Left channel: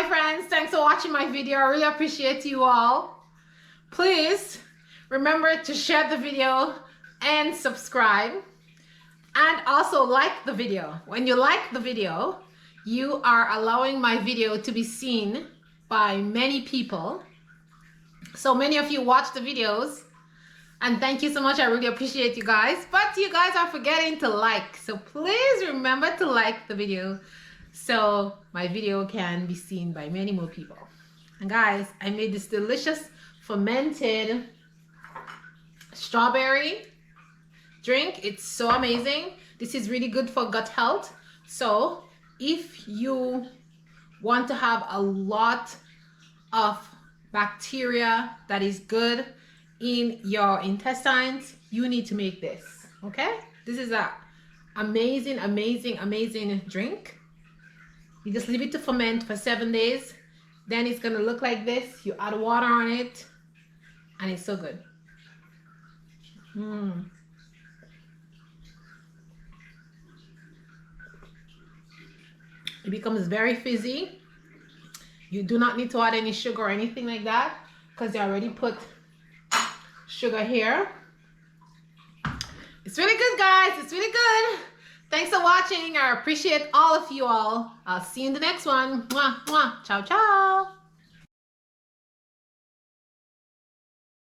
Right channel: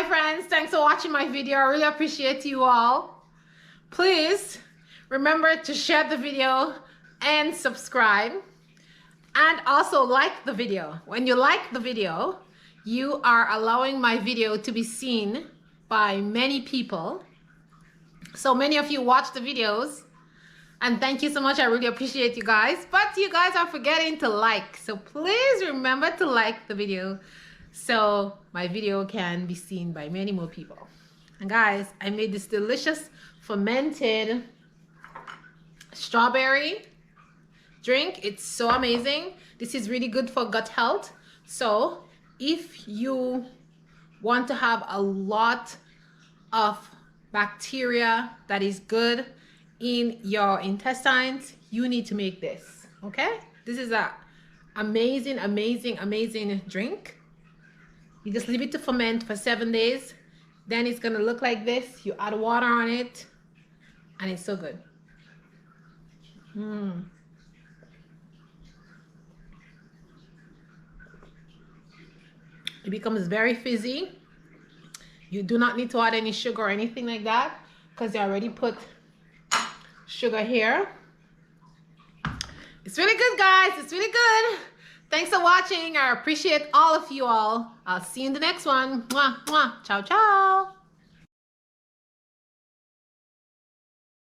Hi friends, thanks for watching my video. I really appreciate you all. Please remember to share the video and subscribe, and also like the video. When you like the video, you are allowing my video to be seen by many people. So many of you watch the videos, and thank you so much. I really appreciate you guys, but you guys are forgetting to like. So please remember to like the video so my video can be seen by many more people. And guys, I made this delicious fermented strawberry drink. It's so amazing. This is really good for gut health. So if you want to have a lot of bacteria that is good in your intestines, you need to make this. Okay, this is a amazing drink. You just leave it to ferment for 7 days, then it's gonna look like this. You add water on it and it's so good. It becomes very fizzy. You do not need to add any sugar or anything like that because you already put sugar here. It's really good, guys. It's really good. Thanks for watching. I appreciate all of you all. I'll see you in the next one. Mwah, mwah. Ciao, ciao.